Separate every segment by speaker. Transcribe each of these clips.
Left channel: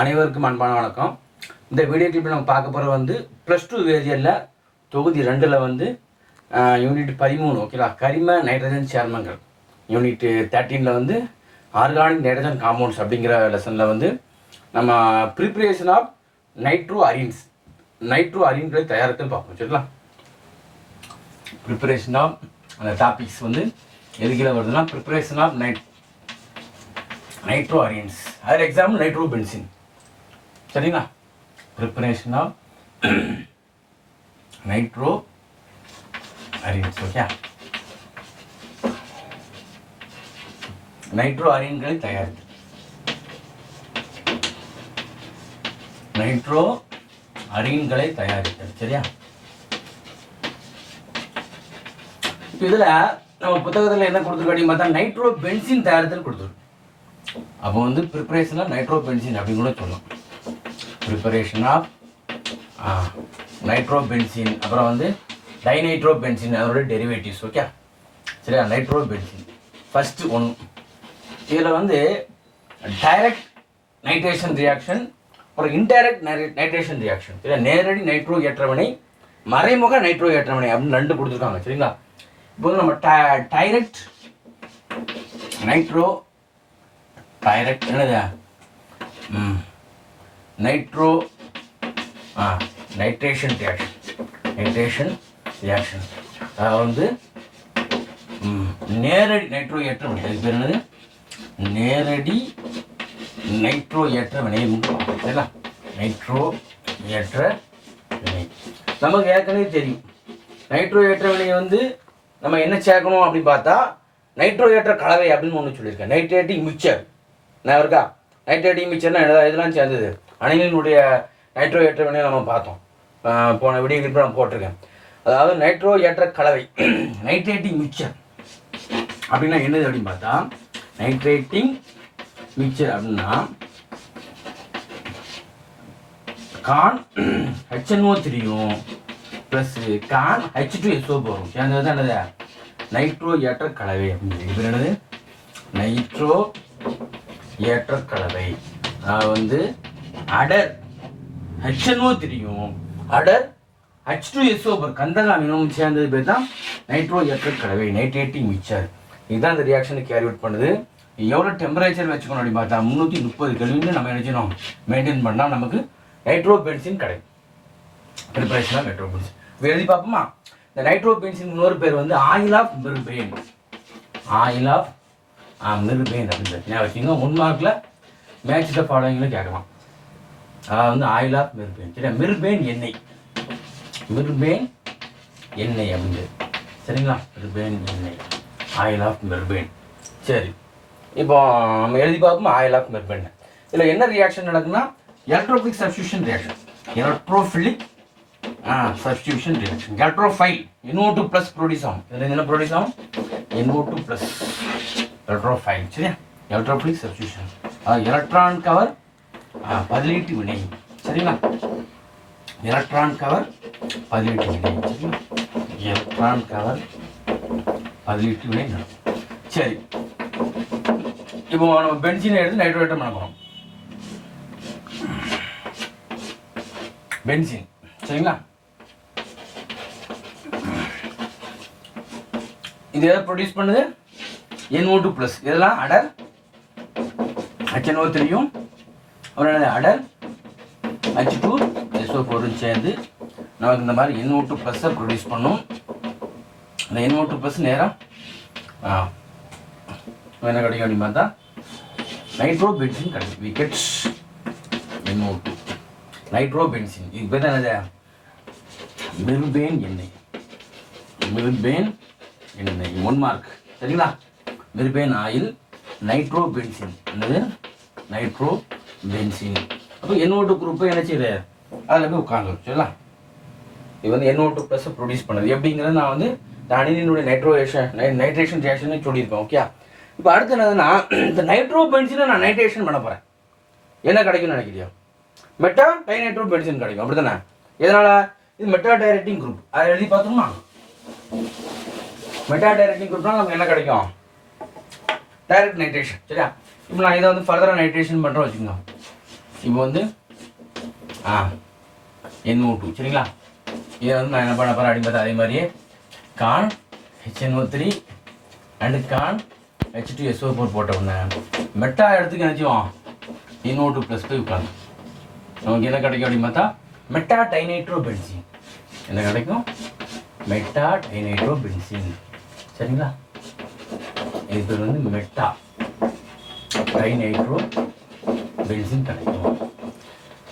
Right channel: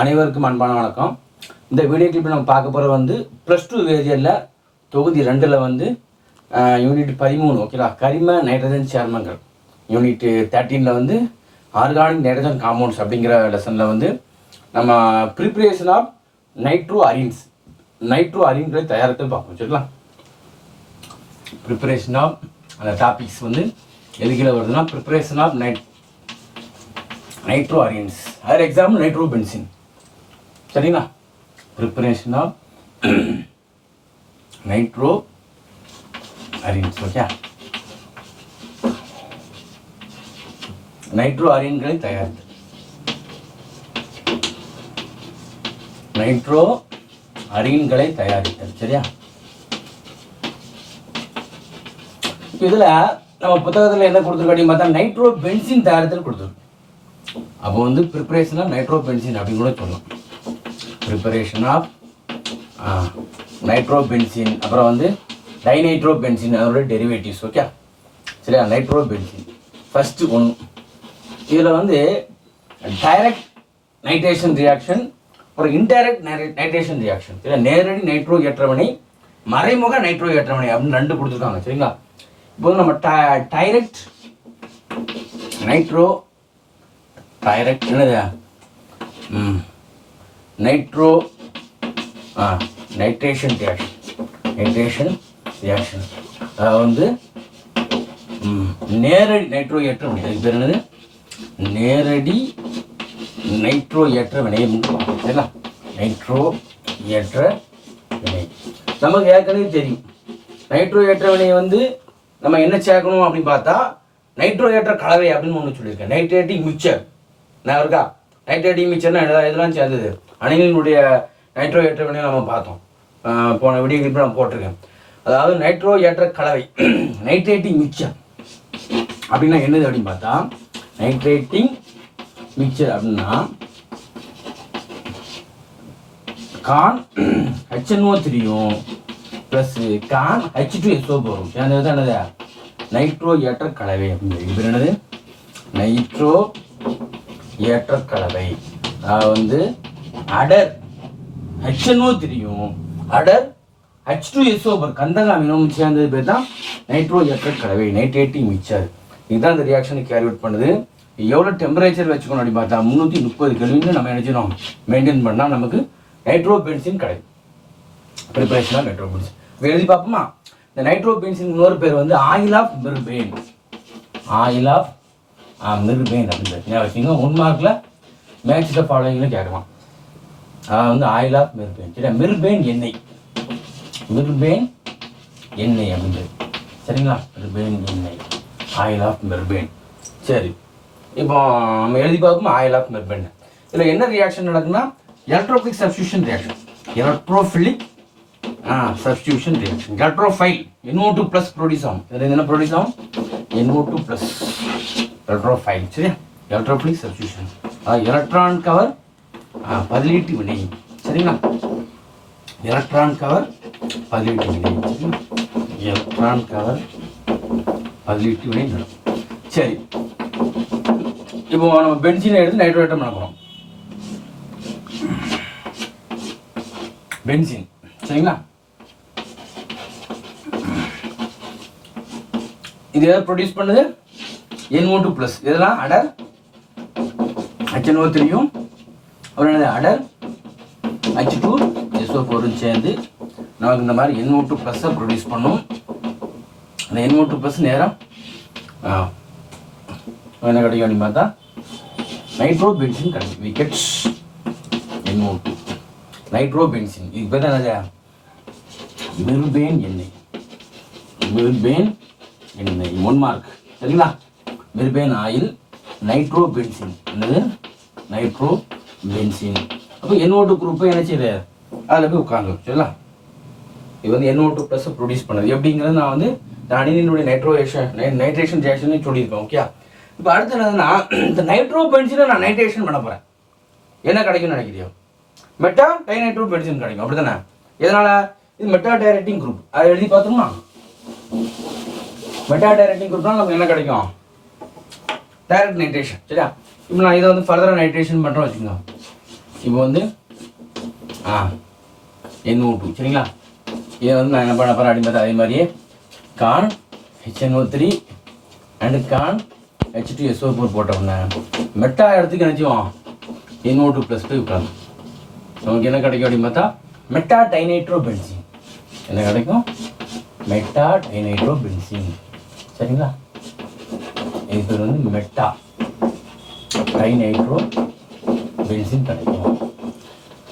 Speaker 1: அனைவருக்கும் அன்பான வணக்கம். இந்த வீடியோ கிளிப்பில் நம்ம பார்க்க போகிறது வந்து ப்ளஸ் டூ வேதியரில் தொகுதி ரெண்டில் வந்து யூனிட் பதிமூணு ஓகேவா கரிம நைட்ரஜன் சேர்மங்கள். யூனிட் தேர்ட்டீனில் வந்து ஆர்கானிக் நைட்ரஜன் காம்பவுண்ட்ஸ் அப்படிங்கிற லெசனில் வந்து நம்ம preparation of nitro arenes nitro அரின்களை தயாரித்து பார்ப்போம் சரிங்களா? ப்ரிப்பரேஷன் ஆஃப் அந்த டாபிக்ஸ் வந்து எதுக்கில் வருதுன்னா preparation of night nitro arenes அதில் எக்ஸாம்பிள் நைட்ரோ பென்சின் சரிங்களா? Preparation of nitro arenes okay nitro அரியன்களை தயாரித்து. நைட்ரோ அரியன்களை தயாரித்தல் சரியா? இதில் நம்ம புத்தகத்தில் என்ன கொடுத்துருக்கோம் பார்த்தா நைட்ரோ பென்சின் தயாரித்தல் கொடுத்துருக்கு அப்போ வந்து ப்ரிப்பரேஷனாக நைட்ரோ பென்சின் அப்படின்னு கூட சொல்லலாம். ப்ரிப்பரேஷன் ஆஃப் நைட்ரோ பென்சின் அப்புறம் வந்து டைநைட்ரோ பென்சின் அதோட டெரிவேட்டிவ்ஸ் ஓகே சரியா? நைட்ரோ பென்சின் ஃபஸ்ட்டு ஒன் இதில் வந்து டைரக்ட் நைட்ரேஷன் ரியாக்ஷன் அப்புறம் இன்டைரக்ட் நைட்ரேஷன் ரியாக்ஷன் இல்லை நேரடி நைட்ரோ ஏற்றவனை மறைமுக நைட்ரோ ஏற்றவனை அப்படின்னு ரெண்டு கொடுத்துருக்காங்க சரிங்களா? இப்போ வந்து நம்ம டைரக்ட் நைட்ரோ டைரக்ட் என்னது? ம். நைட்ரோ ஆ நைட்ரேஷன் ரியாக்ஷன் நைட்ரேஷன் ரியாக்ஷன் அதாவது வந்து ம், நேரடி நைட்ரோ ஏற்ற வினை. இது பேர் என்னது? நேரடி நைட்ரோ ஏற்ற வினை சரிங்களா? நைட்ரோ ஏற்ற வினை. நமக்கு ஏற்கனவே தெரியும். நைட்ரோ ஏற்ற வினையை வந்து நம்ம என்ன சேர்க்கணும் அப்படின்னு பார்த்தா நைட்ரோ ஏற்ற கலவை அப்படின்னு ஒன்று சொல்லியிருக்கேன் நைட்ரேட்டிங் மிக்சர் நான் இருக்கா? நைட்ரேட்டிங் மிக்சர்னா என்ன இதெல்லாம் சேர்ந்தது? அணிலினுடைய நைட்ரோ ஏற்ற வினையை நம்ம பார்த்தோம். போன விடியோ நான் போட்டிருக்கேன். அதாவது நைட்ரோ ஏற்ற கலவை நைட்ரேட்டிங் மிக்சர் அப்படின்னா என்னது அப்படின்னு பார்த்தா நைட்ரேட்டிங் மிக்சர் அப்படின்னா கான் ஹெச்என்ஓ த்ரீயும் plus con H two SO போகும். சேர்ந்தது தான் என்னது? நைட்ரோ ஏற்ற கலவை அப்படின்னு இது என்னது? நைட்ரோ ஏற்ற கலவை அதாவது வந்து அடர். ஹெச்என்ஓ தெரியும். அடர் ஹெச் டூ எஸ்ஓ கந்தகாமினமும் சேர்ந்தது பேர் தான் நைட்ரோ ஏற்ற கலவை நைட்ரேட்டிங் மிக்சர். இதுதான் இந்த ரியாக்ஷனை கேரி அவுட் பண்ணுது. எவ்வளோ டெம்பரேச்சர் வச்சுக்கணும் அப்படி பார்த்தா முந்நூற்றி முப்பது கெல்வின்னு நம்ம நினைச்சிடும் மெயின்டைன் பண்ணால் நமக்கு நைட்ரோ பென்சின் கிடைக்கும் ப்ரிப்பரேஷன் நைட்ரோ பென்சின் இப்போ எழுதி பார்ப்போமா? இந்த நைட்ரோ பென்சின் இன்னொரு பேர் வந்து oil of mirbane oil of mirbane அப்படின்னு பார்த்தீங்கன்னா வச்சுக்கோங்க. ஒன் மார்க்கில் மேட்ச் த ஃபாலோயிங்கில் கேட்கலாம். அதாவது வந்து ஆயில் ஆஃப் மிர்பேன் சரியா மிர்பேன் எண்ணெய் மிர்பேன் எண்ணெய் அப்படிங்கிறது. சரிங்களா? மிர்பேன் எண்ணெய் ஆயில் ஆஃப் மிர்பேன் சரி. இப்போ நம்ம எழுதி பார்ப்போம் ஆயில் ஆஃப் மிர்பேன் இதில் என்ன reaction நடக்குன்னா electrophilic substitution reaction electrophilic substitution reaction electrophile. NO two plus produce ஆகும். இதில் என்ன ப்ரொடியூஸ் ஆகும்? NO two plus electrophile. சரியா? எலக்ட்ரோஃபிலிக் சப்ஸ்டியூஷன் அது எலக்ட்ரான் கவர் பதிலீட்டு வினை. சரிங்களா? எலக்ட்ரான் கவர் பதிலீட்டு வினை. சரிங்களா? எலக்ட்ரான் கவர் பதிலீட்டு வினை நடக்கும். சரி. இப்போ நம்ம பென்சினை எடுத்து நைட்ரோஜன் நடக்கிறோம் பென்சின் சரிங்களா? இது எதை ப்ரொடியூஸ் பண்ணுது? என்ஓ டூ ப்ளஸ் இதெல்லாம் அடர். ஹெச்என்ஓ த்ரீயும் அப்புறம் அடர் ஹச் டூ எஸ்ஓ ஃபோரும் சேர்ந்து நமக்கு இந்த மாதிரி NO2 டூ ப்ளஸ்ஸை ப்ரொடியூஸ் பண்ணும். அந்த NO2 டூ ப்ளஸ் நேரம் என்ன கிடைக்கும் அப்படின்னு பார்த்தா நைட்ரோ பென்சின் கிடைக்கும் விக்கெட்ஸ் NO2 டூ நைட்ரோ பென்சின் இது பேர் என்னது? மிர்பேன் எண்ணெய். மிர்பேன் எண்ணெய். ஒன் மார்க் சரிங்களா? மிர்பேன் ஆயில் நைட்ரோ பென்சின் என்னது? நைட்ரோ பென்சின் அப்போ என்னோட குரூப்பை என்ன செய்யுது? அதில் போய் உட்காந்து சரிங்களா? இது வந்து என்னோ டூ ப்ளஸ் ப்ரொடியூஸ் பண்ணுது. எப்படிங்கிறது நான் வந்து இந்த அணிலினுடைய நைட்ரோவேஷன் நைட்ரேஷன் ரியாக்ஷன் சொல்லியிருப்பேன் ஓகே இப்போ அடுத்து என்னதுன்னா இந்த நைட்ரோ பென்சினை நான் நைட்ரேஷன் பண்ண போகிறேன் என்ன கிடைக்கும்னு நினைக்கிறியோ? மெட்டா டைநைட்ரோ பென்சின் கிடைக்கும். அப்படி தானே இதனால் இது மெட்டா டைரக்டிங் குரூப் அதை எழுதி பார்த்துருமா? மெட்டா டைரக்டிங் குரூப்னா நமக்கு என்ன கிடைக்கும்? டைரக்ட் நைட்ரேஷன் சரியா? இப்போ நான் இதை வந்து ஃபர்தராக நைட்ரேஷன் பண்ணுறோம் வச்சுக்கோங்க. இப்போ வந்து ஆ என்ஓ டூ சரிங்களா? இதை வந்து நான் என்ன பண்ண போகிறேன் அப்படின்னு பார்த்தா அதே மாதிரியே con HNO three and con H two SO four போட்ட உடனே மெட்டா இடத்துக்கு நினச்சிவோம் என்ஓ டூ ப்ளஸ் டூ உட்காந்து நமக்கு என்ன கிடைக்கும் அப்படின்னு பார்த்தா மெட்டா டைனைட்ரோ பென்சின் என்ன கிடைக்கும்? மெட்டா டைனைட்ரோ பென்சின் சரிங்களா? இது வந்து மெட்டா டைனைட்ரோ பென்சின் கிடைக்கும்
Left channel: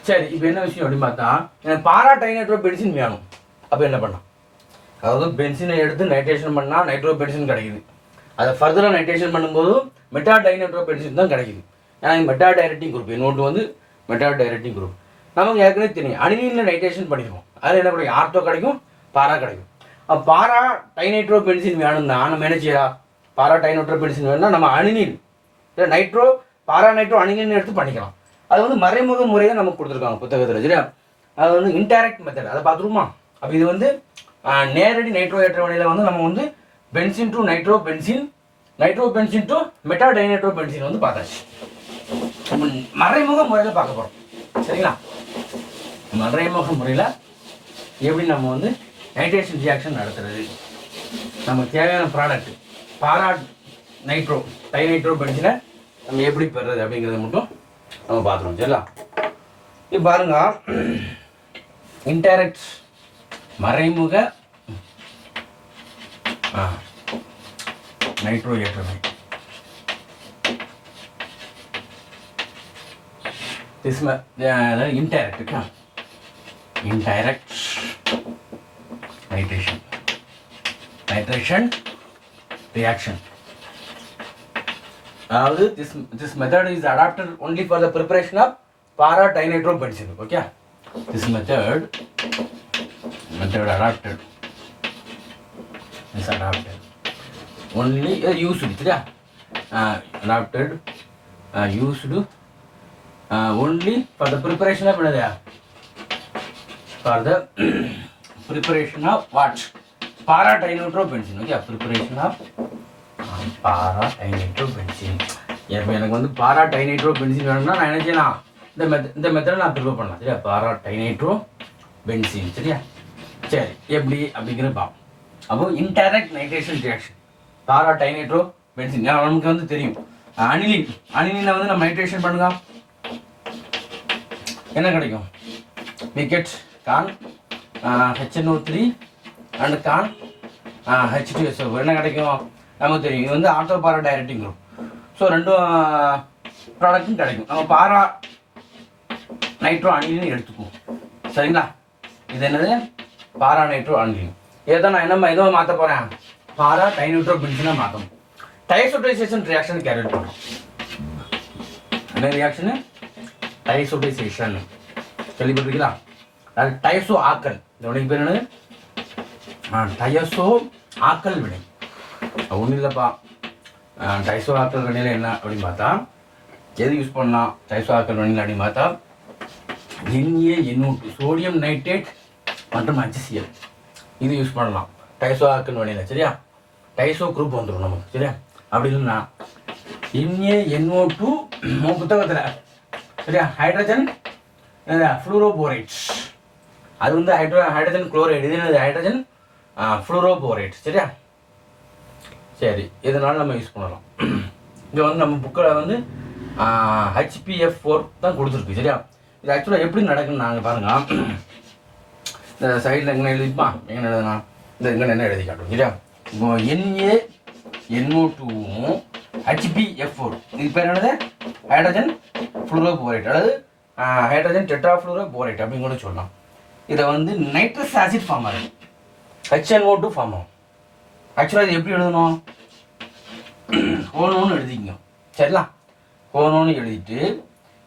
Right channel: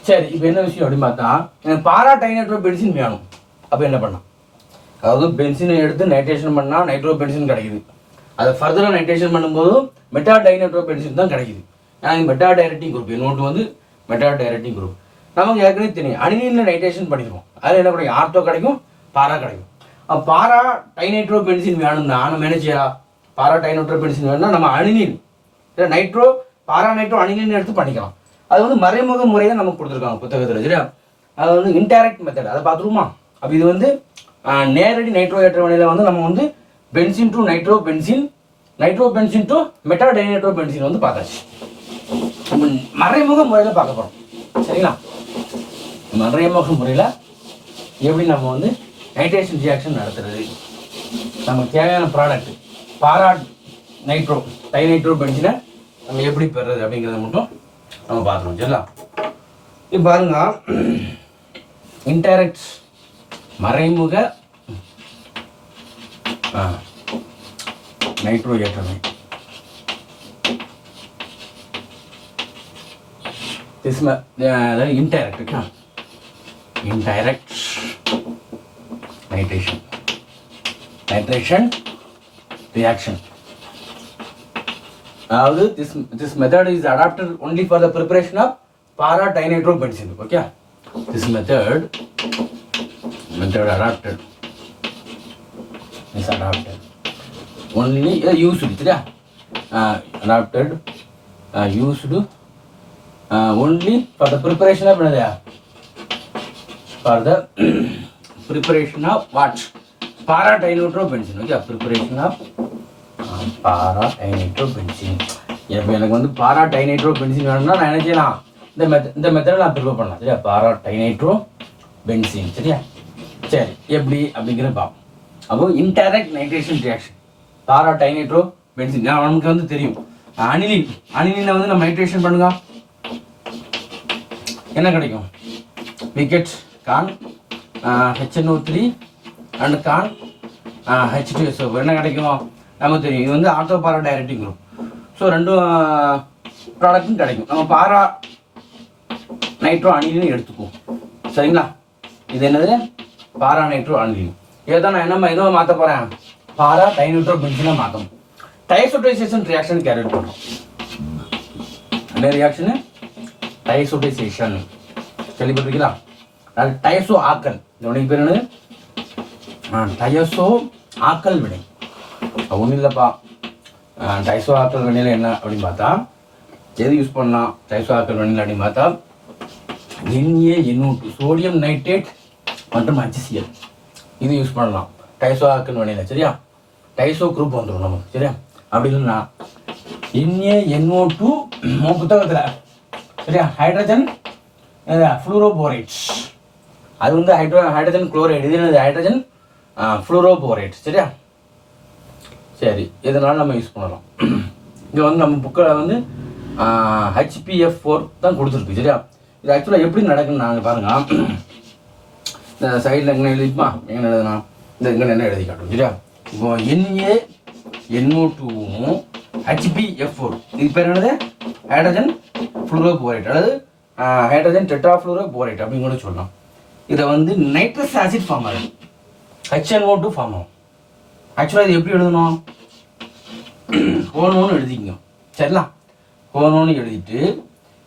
Speaker 1: சரி இப்போ என்ன விஷயம் அப்படின்னு பார்த்தா எனக்கு பாரா டைநைட்ரோ பென்சின் வேணும். அப்போ என்ன பண்ணலாம்? அதாவது பென்சினை எடுத்து நைட்ரேஷன் பண்ணால் நைட்ரோ பென்சின் கிடைக்குது. அதை ஃபர்தராக நைட்ரேஷன் பண்ணும்போது மெட்டா டைநைட்ரோ பென்சின் தான் கிடைக்குது. ஏன்னா மெட்டா டைரக்டிங் குரூப் இன்னொன்று வந்து மெட்டா டைரக்டிங் குரூப் நமக்கு ஏற்கனவே தெரியும் அணிநீரில் நைட்ரேஷன் பண்ணிடுவோம் அதில் என்ன கிடைக்கும்? ஆர்த்தோ கிடைக்கும் பாரா கிடைக்கும். பாரா டைநைட்ரோ பென்சின் வேணும்னா நம்ம என்ன செய்யலாம்? பாரா டைநைட்ரோ பென்சின் வேணும்னா நம்ம அணிநீர் இல்லை நைட்ரோ பாரா நைட்ரோ எடுத்து பண்ணிக்கலாம். அது வந்து மறைமுக முறையை நமக்கு கொடுத்துருக்காங்க புத்தகத்தில் சரியா? அது வந்து இன்டைரக்ட் மெத்தட் அதை பார்த்துருமா அப்போ இது வந்து நேரடி நைட்ரோ ஏற்ற வழியில் வந்து நம்ம வந்து benzene to nitro benzene nitro benzene to meta dinitro benzene வந்து பார்த்தாச்சு. நம்ம மறைமுக முறையில் பார்க்க போகிறோம் சரிங்களா? மறைமுக முறையில் எப்படி நம்ம வந்து நைட்ரேஷன் ரியாக்ஷன் நடத்துறது? நமக்கு தேவையான ப்ராடக்ட் பாரா நைட்ரோ டைநைட்ரோ பென்சினை நம்ம எப்படி பெறுறது அப்படிங்கிறத மட்டும் நம்ம பார்த்துருவோம் சரிங்களா? இப்போ பாருங்க. இன்டைரக்ட் மறைமுக நைட்ரோ ஏற்றமை this ma- uh, indirect. Huh? indirect nitration. nitration reaction அதாவது this this method is adapted only for the preparation of para dinitrophenol okay this method method adapted is adapted only uh, used சரியா uh, adapted uh, used uh, only for the preparation of என்னது for the preparation of what para dinitrophenol okay preparation of para dinitro benzene இப்போ எனக்கு வந்து பாரா டைனைட்ரோ benzene வேணும்னா நான் என்ன செய்யலாம்? இந்த மெத்த இந்த மெத்தடை நான் ப்ரிப்பேர் பண்ணலாம் சரியா? பாரா டைனைட்ரோ பென்சின் சரியா? சரி எப்படி? அப்படிங்கிறத பார்ப்போம். அப்போ indirect nitration reaction para dinitro benzene நமக்கு வந்து தெரியும். அனிலின். அனிலினை வந்து நம்ம நைட்ரேஷன் பண்ணுங்க. என்ன கிடைக்கும்? Wicket con HNO three and con HDSO என்ன கிடைக்கும்? நமக்கு தெரியும். இது வந்து ortho para directing group so ரெண்டும் ப்ராடக்ட்டும் கிடைக்கும். நம்ம பாரா நைட்ரோ அணிலின்னு எடுத்துக்குவோம். சரிங்களா? இது என்னது? பாரா நைட்ரோ அணிலின் இதை தான் நான் என்ன ஏதோ மாற்ற போகிறேன் பாரா டைநைட்ரோ பென்சினாக மாற்றணும் டைசோட்டைசேஷன் ரியாக்ஷன் கேரட் பண்ணும் என்ன ரியாக்ஷனு டைசோடைசேஷன் கேள்விப்பட்டிருக்கீங்களா? அது டயசோ ஆக்கல். இந்த பேர் என்னது? ஆ, டயசோ ஆக்கல் வினை. ஒன்றும் இல்லைப்பா. டைசோ ஆக்கல் வினையில் என்ன அப்படின்னு பார்த்தா எது யூஸ் பண்ணலாம் டைசோ ஆக்கல் வினையில் அப்படின்னு பார்த்தா என்ஏ எண்ணூட்டு சோடியம் நைட்ரேட் மற்றும் HCl இது யூஸ் பண்ணலாம். டைசோ ஆக்கல் வினையில் சரியா? டைசோ குரூப் வந்துடும் நமக்கு சரியா? அப்படி இல்லைன்னா என்ஏ என்ஓ டூ நம்ம புத்தகத்தில் சரியா? ஹைட்ரஜன் ஃப்ளூரோபோரைட்ஸ் அது வந்து ஹைட்ரோ ஹைட்ரஜன் குளோரைடு இது என்னது ஹைட்ரஜன் ஃப்ளூரோபோரேட் சரியா? சரி இதனால் நம்ம யூஸ் பண்ணலாம்? இங்கே வந்து நம்ம புக்கில் வந்து ஹெச்பிஎஃப் ஃபோர் தான் கொடுத்துருக்கு சரியா? இது ஆக்சுவலாக எப்படி நடக்குன்னு நாங்கள் பாருங்க. இந்த சைடில் எங்கே எழுதிப்பா எங்கே எழுதுனா இந்த இங்கே என்ன எழுதி காட்டும் சரியா? இப்போ என்ஏ என்ஓ டூவும் ஹெச்பிஎஃப் ஃபோர் இது பேர் என்னது? ஹைட்ரஜன் ஃப்ளூரோபோரேட் அதாவது ஹைட்ரஜன் டெட்ரா டெட்ராஃப்ளூரோபோரேட் அப்படின்னு கூட சொல்லலாம். இதை வந்து நைட்ரஸ் ஆசிட் ஃபார்ம் ஆகுது ஹெச்என்ஓ டூ ஃபார்ம் ஆகும். ஆக்சுவலாக இது எப்படி எழுதணும்? ஹோனோன்னு எழுதிக்கங்க. சரிங்களா? ஹோனோன்னு எழுதிட்டு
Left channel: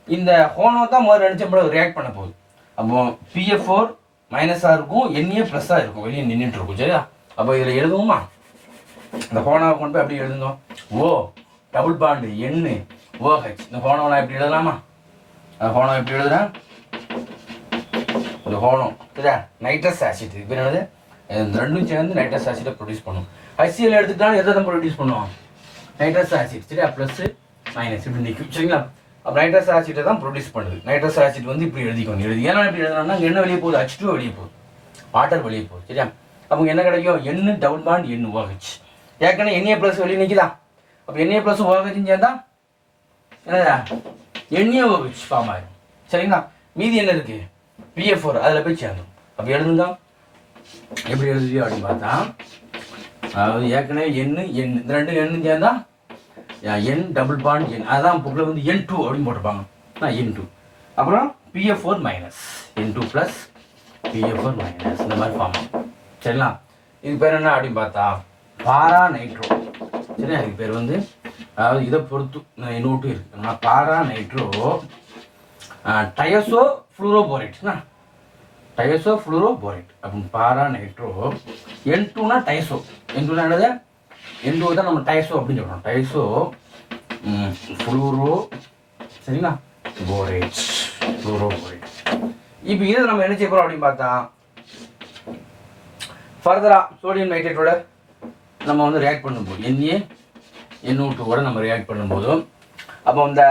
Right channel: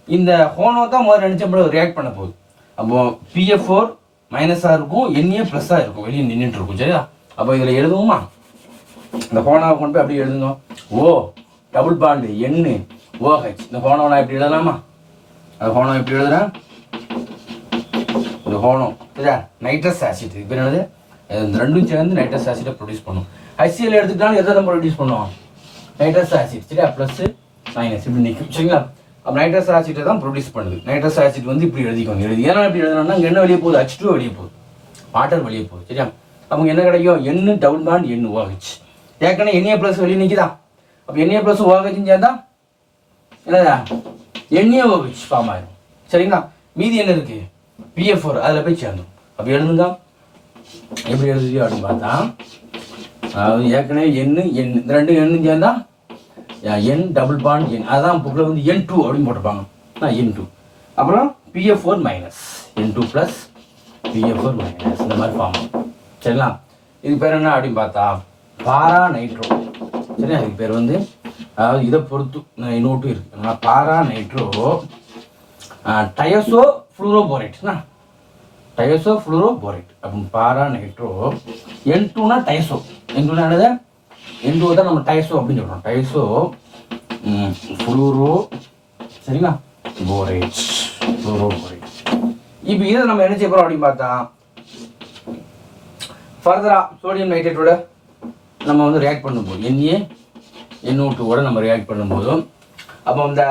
Speaker 1: இந்த ஹோனோ தான் முதல்ல நினச்ச ரியாக்ட் பண்ண போகுது. அப்போ பிஎஃப் ஃபோர் மைனஸாக இருக்கும் என்ஏ ப்ளஸ்ஸாக இருக்கும். வெளியே நின்றுட்டு இருக்கும். சரியா? அப்போ இதில் எழுதுவோமா இந்த ஹோனாவை கொண்டு போய் அப்படி எழுதுங்க ஓ டபுள் பாண்டு எண்ணு ஓஹெச் இந்த ஹோனோ நான் எப்படி எழுதலாமா? அந்த ஹோனோ எப்படி எழுதுறேன். இந்த ஹோனோ சரியா? நைட்ரஸ் ஆசிட் இது பேர் என்னது? இந்த ரெண்டும் சேர்ந்து நைட்ரஸ் ஆசிடை ப்ரொடியூஸ் பண்ணும். ஹச்சிஎல் எடுத்துக்கிட்டாலும் எதை நம்ம ப்ரொடியூஸ் பண்ணுவோம்? நைட்ரஸ் ஆசிட் சரியா? ப்ளஸ் மைனஸ் இப்படி நிற்கும் சரிங்களா? அப்போ நைட்ரஸ் ஆசிட்டை தான் ப்ரொடியூஸ் பண்ணுது. நைட்ரஸ் ஆசிட் வந்து இப்படி எழுதிக்கோங்க. எழுதி ஏன்னா இப்படி எழுதணும்னா என்ன வெளியே போகுது? ஹச் டூ வெளியே போகுது. வாட்டர் வெளியே போகுது. சரியா? அவங்க என்ன கிடைக்கும்? எண்ணு டவுன் பாண்ட் எண்ணு ஓஹெச் ஏற்கனவே எண்ணெய் ப்ளஸ் வெளியே நிற்கிதா அப்போ எண்ணெய் ப்ளஸ் ஓஹெச்சும் சேர்ந்தா என்னதா எண்ணெய் ஓஹெச் ஃபார்ம் ஆயிடும் சரிங்களா? மீதி என்ன இருக்குது பிஎஃப் ஃபோர் அதில் போய் சேர்ந்தோம் அப்போ எழுதுங்க. எப்படி எழுதுறியோ அப்படின்னு பார்த்தா அதாவது ஏற்கனவே எண்ணு எண் இந்த ரெண்டு எண்ணும் சேர்ந்தா என் டபுள் பாண்ட் என் அதான் புக்கில் வந்து என் டூ அப்படின்னு போட்டிருப்பாங்க. நான் என் டூ அப்புறம் BF four minus N two plus BF four minus இந்த மாதிரி ஃபார்ம் சரிங்களா? இது பேர் என்ன அப்படின்னு பார்த்தா பாரா நைட்ரோ சரியா இது பேர் வந்து அதாவது இதை பொறுத்து நான் இன்னொட்டு இருக்கு. பாரா நைட்ரோ டயசோ ஃப்ளூரோபோரேட்னா டயசோ ஃப்ளூரோபோரேட் அப்படின்னு பாரா நைட்ரோ என் டூனா டைசோ. என் டூனா என்னது? என் டூ தான் நம்ம டைசோ அப்படின்னு சொல்கிறோம் டைசோ ஃப்ளூரோ சரிங்களா? Borate fluoroborate. இப்போ இதை நம்ம என்ன செய்ய போகிறோம் அப்படின்னு பார்த்தா ஃபர்தரா சோடியம் நைட்ரேட்டோட நம்ம வந்து ரியாக்ட் பண்ணும்போது என்ஏ எண்ணூட்டோட நம்ம ரியாக்ட் பண்ணும்போதும் அப்போ அந்த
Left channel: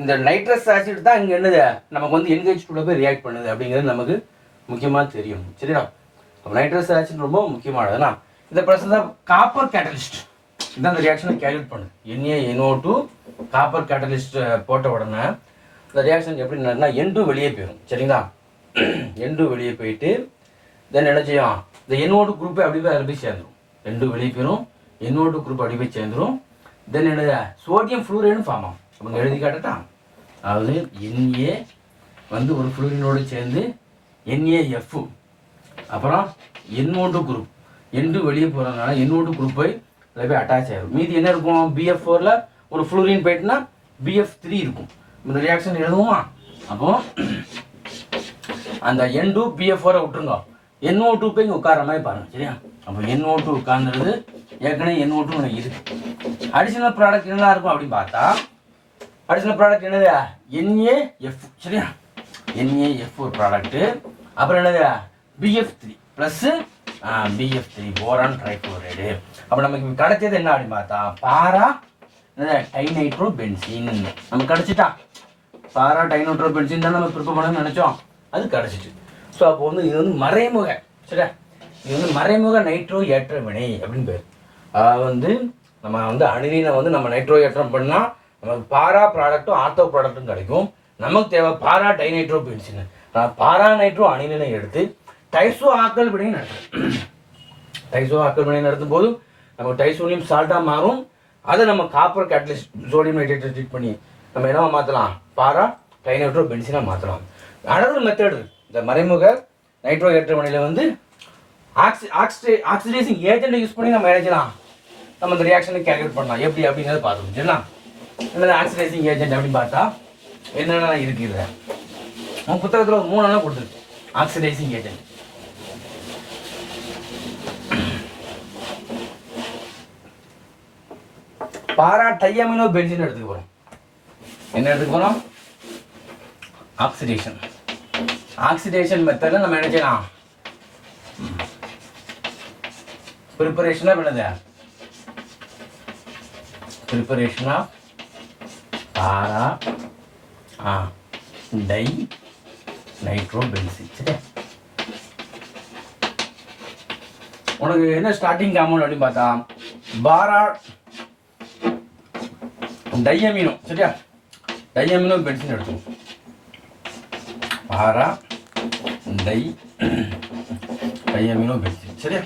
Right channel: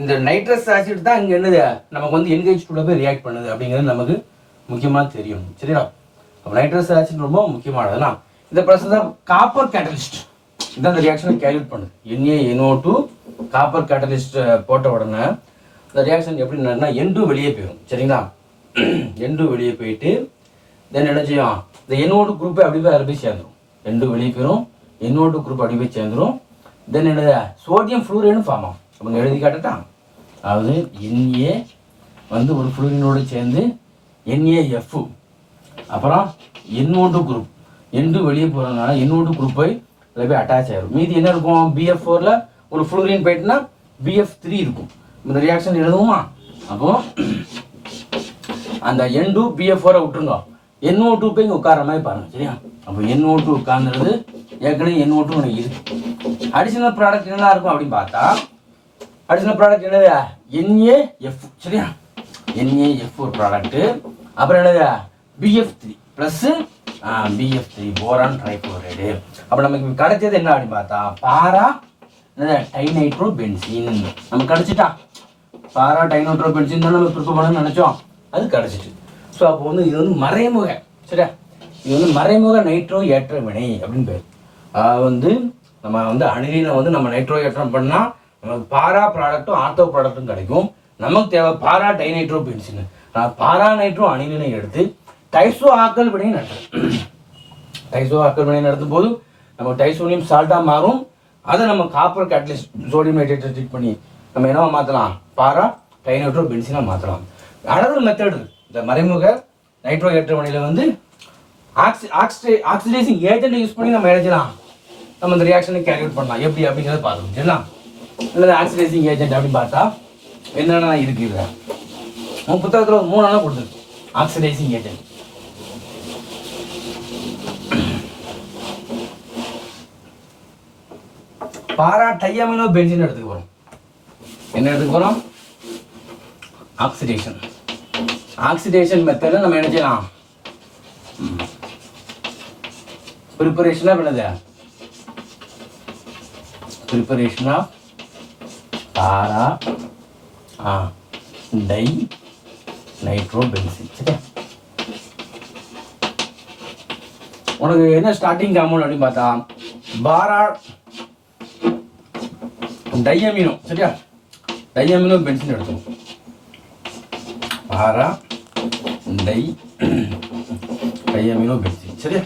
Speaker 1: இந்த நைட்ரஸ் ஆசிட் தான் இங்கே என்னது? நமக்கு வந்து என்கேஜ் கூட போய் ரியாக்ட் பண்ணுது அப்படிங்கிறது நமக்கு முக்கியமாக தெரியும். சரியா? அப்போ நைட்ரஸ் ஆசிட் ரொம்ப முக்கியமானதுனா இந்த ப்ளஸ் தான் காப்பர் கேட்டலிஸ்ட் இதான் இந்த ரியாக்ஷனை கேல்குலேட் பண்ணுது. NA NO two copper catalyst போட்ட உடனே இந்த ரியாக்ஷன் எப்படி நடனா என் டூ வெளியே போயிடும் சரிங்களா? என் டூ வெளியே போயிட்டு தென் என்ன செய்யும்? இந்த என்னோட குரூப்பை அப்படி போய் அதில் போய் சேர்ந்துரும். ரெண்டு வெளியே போயிடும் என்னோட குரூப் அப்படி போய் சேர்ந்துடும் தென் என்னது? சோடியம் ஃப்ளூரைன்னு ஃபார்ம் ஆகும். அவங்க எழுதி காட்டட்டா அதாவது என்ஏ வந்து ஒரு ஃப்ளூரினோடு சேர்ந்து என்ஏஎஃப் அப்புறம் என்னோட குரூப் என்று வெளியே போகிறதுனால என்னோட குரூப் போய் போய் அட்டாச் ஆகிடும் மீதி என்ன இருக்கும்? பிஎஃப் ஃபோரில் ஒரு ஃப்ளூரின் போயிட்டுனா பிஎஃப் த்ரீ இருக்கும். இந்த ரியாக்ஷன் எழுதுவோமா? அப்போ அந்த என் டூ பிஎஃப் ஃபோரை விட்டுருங்க. என்ஓ டூ போய் இங்கே உட்கார மாதிரி பாருங்க சரியா? அப்போ என்ஓ டூ உட்கார்ந்துருது ஏற்கனவே என்ஓ டூ எனக்கு இருக்கு. அடிஷனல் ப்ராடக்ட் என்னலாம் இருக்கும் அப்படின்னு பார்த்தா அடிஷனல் ப்ராடக்ட் என்னது என்ஏஎஃப் சரியா? என்ஏஎஃப் ஒரு ப்ராடக்ட்டு அப்புறம் என்னது BF three plus BF three boron trichloride அப்போ நமக்கு கிடைச்சது என்ன அப்படின்னு பார்த்தா பாரா என்னது டைநைட்ரோ பென்சின் நமக்கு கிடைச்சிட்டா? பாரா டைநைட்ரோ பென்சின் தான் நம்ம ப்ரிப்பேர் பண்ணணும்னு நினச்சோம். அது கிடச்சிட்டு. ஸோ அப்போ வந்து இது வந்து மறைமுக சரியா? இது வந்து மறைமுக நைட்ரோ ஏற்ற வினை அப்படின்னு பேர். அதாவது வந்து நம்ம வந்து அணிலினை வந்து நம்ம நைட்ரோ ஏற்றம் பண்ணால் நமக்கு பாரா ப்ராடக்ட்டும் ஆர்த்தோ ப்ராடக்ட்டும் கிடைக்கும். நமக்கு தேவை para dinitro benzene para nitro அணிலினை எடுத்து டைசோ ஆக்கல் வினை நடத்தும். டைசோ ஆக்கல் வினை நடத்தும் போது நம்ம டைசோனியம் சால்ட்டாக மாறும். அதை நம்ம காப்பர் கேட்டலிஸ்ட் சோடியம் நைட்ரேட்டை ட்ரீட் பண்ணி நம்ம என்னவா மாற்றலாம் பாரா டைநைட்ரோ பென்சினாக மாற்றலாம் அனதர் மெத்தட் இந்த மறைமுக நைட்ரோ ஏற்றமனையில் வந்து oxy oxide oxidising agent use பண்ணி நம்ம எழுதலாம் நம்ம இந்த ரியாக்ஷனை கேல்குலேட் பண்ணலாம். எப்படி? அப்படிங்கிறத பார்த்துக்கணும் சரிங்களா? அல்லது ஆக்சிடைசிங் ஏஜென்ட் அப்படின்னு பார்த்தா என்னென்ன இருக்கு உன் புத்தகத்தில் ஒரு மூணு நாளாக கொடுத்துருக்கு. Oxidising agent para diamino benzene எடுத்துக்க போகிறோம் என்ன எடுத்துக்க போகிறோம் ஆக்சிடேஷன் ஆக்சிடேஷன் மெத்தடில் நம்ம என்ன செய்யலாம்? ப்ரிப்பரேஷனாக பண்ணுது ப்ரிப்பரேஷனாக para ah tie nitro benzene சரியா? உனக்கு என்ன ஸ்டார்டிங் காம்பவுண்ட் அப்படின்னு பார்த்தா பாரா டையமினோ சரியா? டையமினோ பென்சின் எடுத்துக்கோ. பாரா டை டையமினோ பென்சின் சரியா?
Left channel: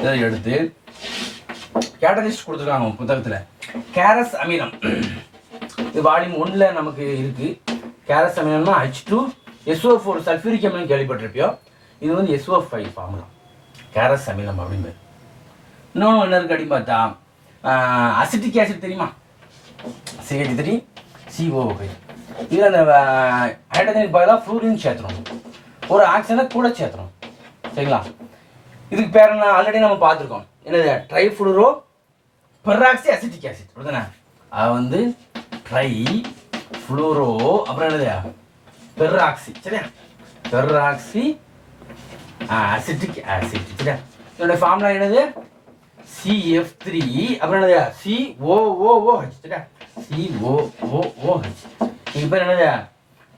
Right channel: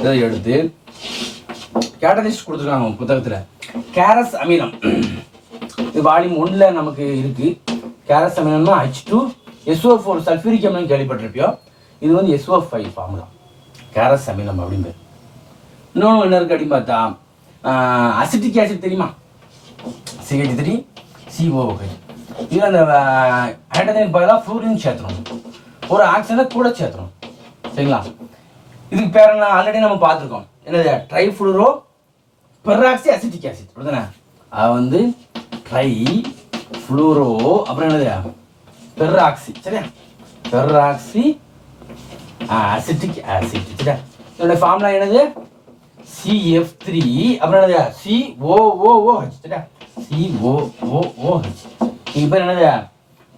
Speaker 1: இதை எடுத்து கேட்டலிஸ்ட் கொடுத்துருக்காங்க புத்தகத்தில். கேரஸ் அமிலம். இது வால்யூம் ஒன்றில் நமக்கு இருக்கு. Caro's அமிலம்னா H two SO four sulphuric அமிலம் கேள்விப்பட்டிருப்பியோ? இது வந்து எஸ்ஓ ஃபைவ் ஃபார்முலா கேரஸ் அமிலம் அப்படின்னு இன்னொன்று என்ன இருக்கு அப்படின்னு பார்த்தா அசிட்டிக் ஆசிட் தெரியுமா? சிஹெச் த்ரீ சிஓ இதில் அந்த ஹைட்ரஜன் பதிலாக ஃப்ளூரின் சேர்த்துறோம். ஒரு ஆக்சிஜனை கூட சேர்த்துறோம். சரிங்களா? இதுக்கு பேர் என்ன? ஆல்ரெடி நம்ம பார்த்துருக்கோம். என்னது? ட்ரைஃப்ளூரோ பெராக்சி அசிட்டிக் ஆசிட் அப்படிதானே அது வந்து ட்ரை ஃப்ளூரோ அப்புறம் என்னது? பெராக்சி சரியா? பெராக்சி அசிட்டிக் ஆசிட் சரியா? இதோட ஃபார்முலா என்னது? சிஎஃப் த்ரீ அப்புறம் என்னது? C O O O H சரியா? சி ஓ ஓ ஹச் இது பேர் என்னது?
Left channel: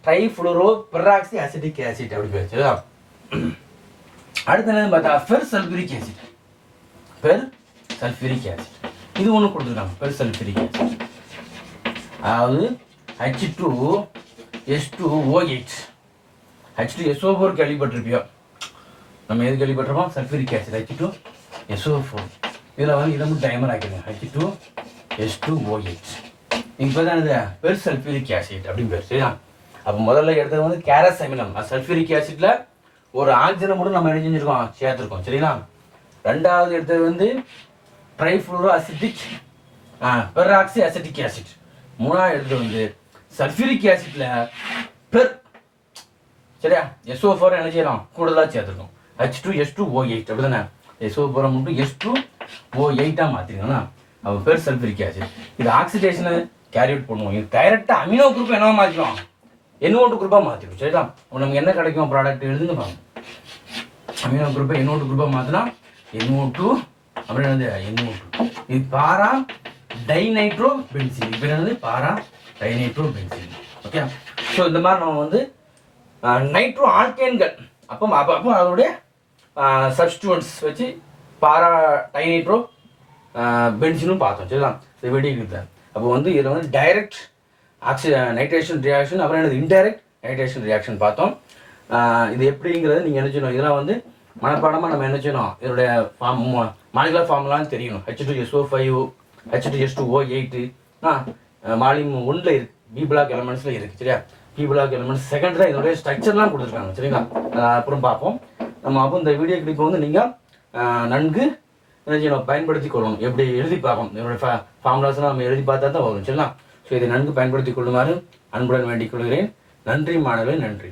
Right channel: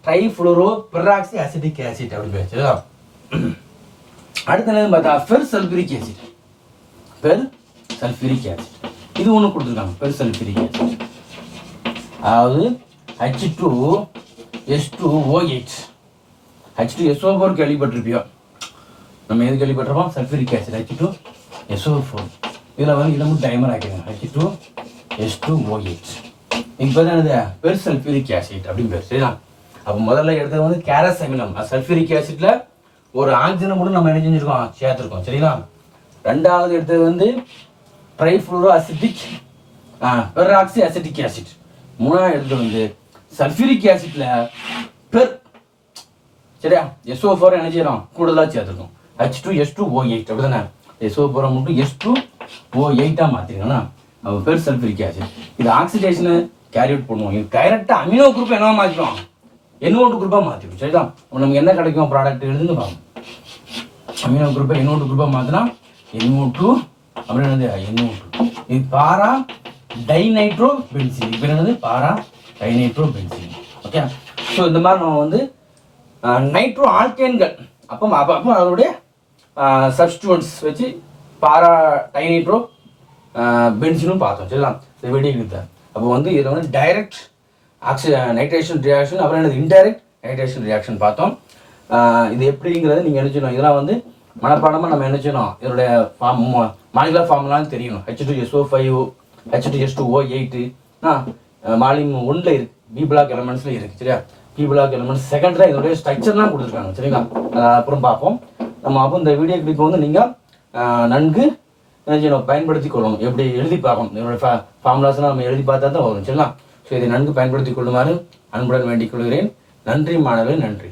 Speaker 1: ட்ரைஃப்ளோரோ பெராக்சி அசிட்டிக் ஆசிட் அப்படி பேர். சரியா? அடுத்து என்னது பார்த்தா per sulphuric acid per sulphuric acid இது ஒன்று கொடுத்துருக்காங்க. பெருசல் பிரிக்க அதாவது H two S two O eight H two SO four கேள்விப்பட்டிருப்பியோ? நம்ம எது கேள்விப்பட்டிருப்போம்? Sulphuric acid H two SO four இதில் வந்து இதை மட்டும் dimer ஆக்கிடுங்க. H two S two O eight இப்போ தான் இது பெர் சல்ஃபூரிக் ஆசிட் அப்படின்னு பேர் சரியா? அப்போ முதல்ல எடுத்தது வந்து கேரஸ் அமிலம் சல்ஃபூரிக் ஆசிட்ல ஒரு ஆக்சிஜனை மட்டும் நம்ம என்ன செஞ்சிருக்கோம்? சேர்த்துருக்கோம் சரிங்களா ரெண்டாவது எடுத்தது வந்து trifluoro acetic peroxy acetic acid மூணாவது எடுத்தது வந்து சல்ஃபூரிக் ஆசிட்ல பெர் சரியா? எஸ்ஓ ஃபோர் என்ன செய்யலாம் கூடுதலாக சேர்த்துருக்கோம் H two S two O eight அப்படி தானே எஸ்ஓ ஃபோரை மட்டும் எஸ் டூ ஓ எயிட்டாக மாற்றிருக்கோம்னா அப்போ பேர் சல்ஃபரிக் ஆசிட் இது ஆக்சிடேஷனை கேரி அவுட் பண்ணுவோம். இது டைரெக்டாக அமினோ குரூப் என்னவா மாற்றிடும் என்னோட்டு குரூப்பாக மாற்றிடும் சரிதா? அப்போ நமக்கு என்ன கிடைக்கும் ப்ராடக்ட் எழுதுங்க பாருங்க. அமினோ குரூப்பை என்னோட்டு குரூப்பாக மாற்றினா என்ஓ டூ அப்புறம் என்னது என்ஓ இது பாரா டைநைட்ரோ பென்சில் இப்போ என்னது para dinitro benzene okay so இந்த மாதிரி நம்ம வந்து நைட்ரோ ஆல்கேன்கள் அப்போ அப்போ அப்போ அதோடைய சப்ஸ்டியூட்ஸ் வச்சு பாரா டைநைட்ரோ பென்சிலும் பார்த்தோம். சரிங்களா? இது வெடிக்கிறது அப்போ வந்து இதில் வந்து டைரக்ட் ஆக்சி நைட்ரேஷன் ரியாக்ஷன் அப்புறம் என்னது இன்டைரக்ட் நைட்ரேஷன் ரியாக்ஷன் பார்த்தோம். இது எப்படிங்கிறது நீங்கள் என்ன செய்யணும் இதெல்லாம் வந்து மனப்பாடமாக நம்ம என்ன செய்யணும்? இதனுடைய ஃபார்ம் மாலிகுலர் ஃபார்முலான்னு தெரியும். H two S O five H two S two O eight Malim ஒன்றில் இருக்குது பி பிளாக் எலமெண்ட்ஸில் இருக்குது சரியா? பி பிளாக் எலமெண்ட்ஸ் செகண்டில் இதோடைய ஸ்ட்ரக்சர்லாம் கொடுத்துருக்காங்க சரிங்களா? அப்புறம் பார்ப்போம். நம்ம அப்போ இந்த வீடியோ கிளிப் வந்து நீங்கள் நன்கு என்ன செய்யணும் பயன்படுத்தி கொள்ளணும். எப்படி எழுதி பார்க்கணும். இதோட ஃபா ஃபார்முலாஸ்லாம் நம்ம எழுதி பார்த்தா தான் வரும் சரிங்களா? ஸோ இதை நன்கு பயன்படுத்தி கொள்ளுமாறு அன்புடன் வேண்டிக் கொள்கிறேன். நன்றி மாணவர்களே நன்றி.